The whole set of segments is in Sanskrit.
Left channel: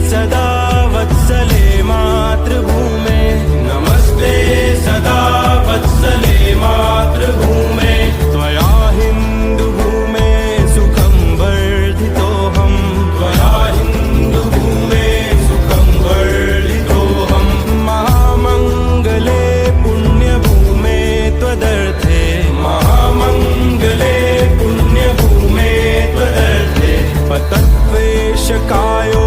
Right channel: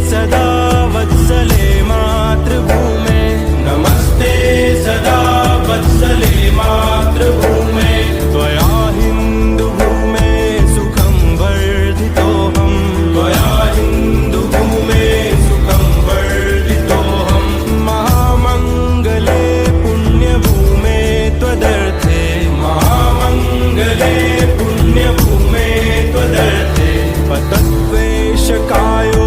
सदा वत्सले मातृभूमे नमस्ते सदा वत्सले मातृभूमे त्वया हिन्दुभूमे सुखं वर्धितोऽहम् त्वया हिन्दुभूमे सुखं वर्धितोऽहम् महामङ्गले पुण्यभूमे त्वदर्थे महामङ्गले पुण्यभूमे त्वदर्थे पतत्वेषकायो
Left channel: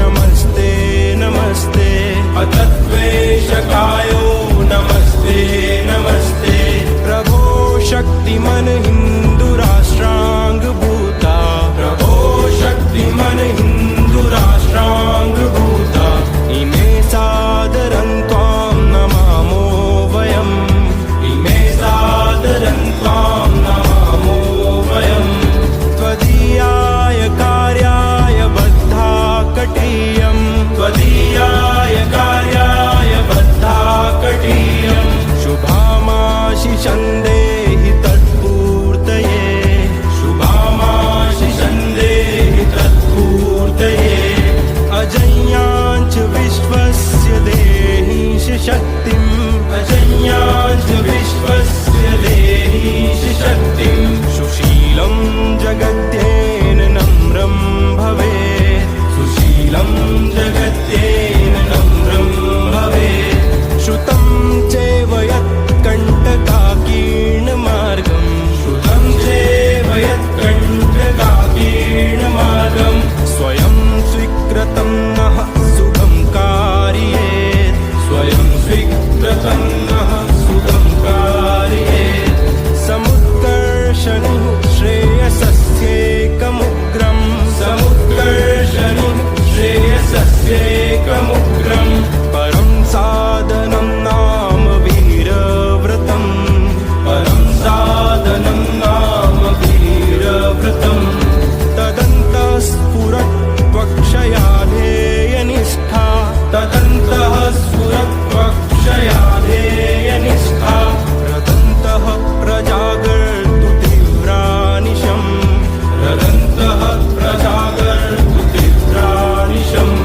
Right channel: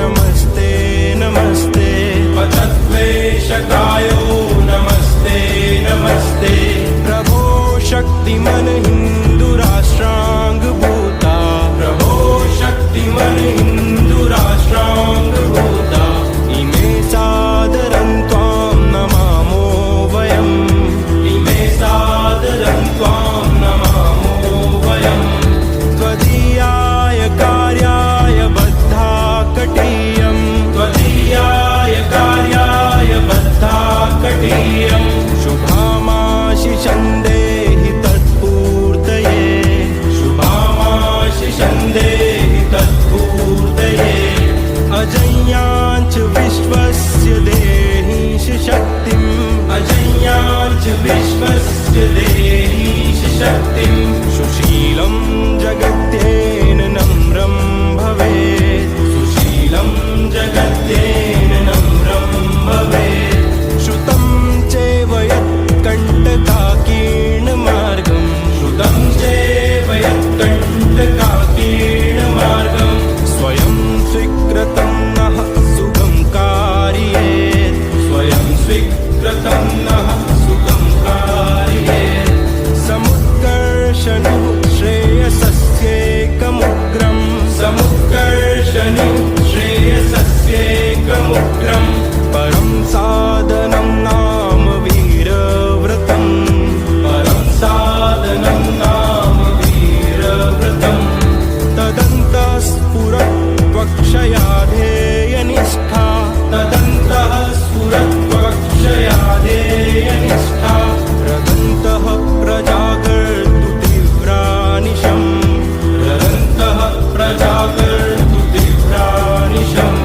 नमस्ते नमस्ते पतत्वेषकायो नमस्ते नमस्ते प्रभो शक्तिमन हिन्दुराष्ट्राङ्गभूता प्रभो शक्तिमन हिन्दुराष्ट्राङ्गभूता इमे सादरं त्वां नमामो वयम् इमे सादरं त्वां नमामो वयम् त्वदीयाय कार्याय बद्धा कटीयम् त्वदीयाय कार्याय बद्धा कटीयम् शुभामाशिषं देहि तत्पूर्तये शुभामाशिषं देहि तत्पूर्तये अजय्याञ्च विश्वस्य देहीश शक्तिम् अजय्याञ्च विश्वस्य देहीश शक्तिम् सुशीलं जगद्येन नम्रं भवेत् सुशीलं जगद्येन नम्रं भवेत् श्रुतं चैव यत्कण्टकाकीर्णमार्गम् श्रुतं चैव यत्कण्टकाकीर्णमार्गम् स्वयं स्वीकृतं नः सुगं कारयेत् स्वयं स्वीकृतं नः सुगं कारयेत् समुत्कर्षणुः श्रेयसस्येकमुग्रम् समुत्कर्षणुः श्रेयसस्येकमुग्रम् परं साधनं नाम वीरव्रतम् परं साधनं नाम वीरव्रतम् तदन्तः स्फुरत्वक्षया ध्येयनिष्ठा तदन्तः स्फुरत्वक्षया ध्येयनिष्ठा रदन्तः प्रजागर्तु तीव्रानिशम् रदन्तः प्रजागर्तु तीव्रानिशम्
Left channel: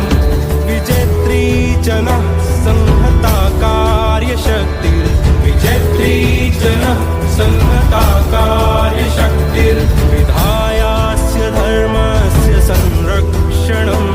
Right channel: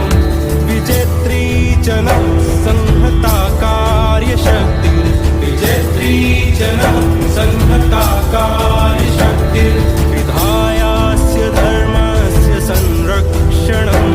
विजेत्री जनः संहता कार्यशक्तिर् विजेत्री जनः संहता कार्यशक्तिर् विधायास्य धर्मस्य संरक्षणम्